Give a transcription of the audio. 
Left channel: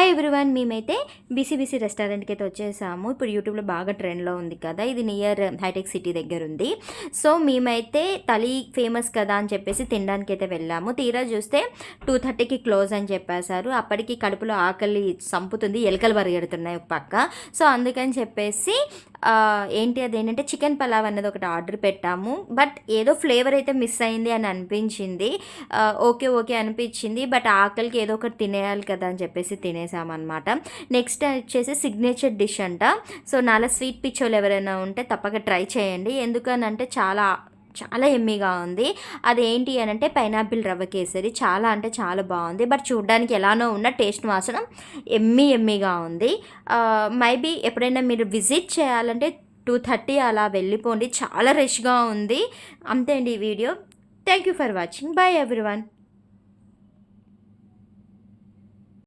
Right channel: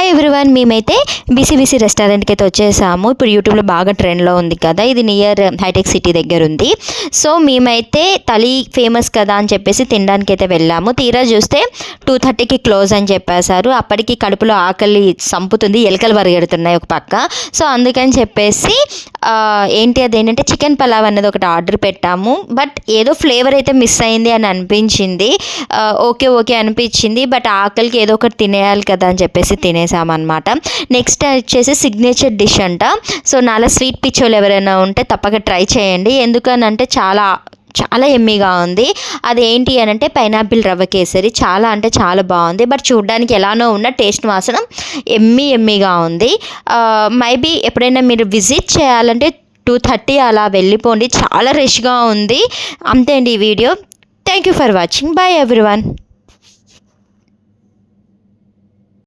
Hi everyone, మేమైతే బీసీబీసీ రెస్టారెంట్కి అయితే వచ్చేసాము. ఇప్పుడు యూట్యూబ్లో బాగా ట్రెండ్లో ఉంది కదా, ఇది నియర్ హైటెక్ సిటీ దగ్గర ఉంది. సో మేమైతే తలి ఫేమస్ కదా అని చెప్పేసి తినడానికి అయితే వెళ్ళాము. తీరా చూస్తే 2:30కి క్లోజ్ అని చెప్పేశారు. అప్పటికి కడుపులో ఆకలి సంపుతుంది, ఎలుకలు పరిగెడుతున్నాయి ఒక పక్క. సో అందుకని చెప్పేసి అదేంటంటే చికెన్ పలావ్ అనేది ఒకటి ఆర్డర్ పెట్టాము. బట్ ఏదో ఫ్లేవర్ అయితే మిస్ అయింది అని అనిపించింది. ఓకే అనిపించింది, బట్ ఆకలికి ఏదో ఒకటి తినేయాలి కదా అని చెప్పేసి తినేసామన్నమాట. నెక్స్ట్ వచ్చేసి సిగ్నేచర్ డిష్ అంట. సో నాలా స్వీట్ పిచ్చోళ్ళు ఎవరైనా ఉంటే తప్పక ట్రై చేయండి. ఎందుకనంటే చాలా చాలా ఎమ్మీగా ఉంది. అదేంటి అని అంటే పైనాపిల్ రవ్వ కేసరి. చాలా అంటే చాలా బాగుంది. బట్ చూడడానికి ఎలానో ఉన్న టేస్ట్ మాత్రం ఎమ్మీగా ఉంది. మైబీ ఎప్పుడైనా మీరు విజిట్ చేయాలంటే 2:30 అలా వెళ్ళిపోండి, చాలా రష్గా ఉంది. అంతే అండి ఈ video. Thank you for watching. Bye everyone.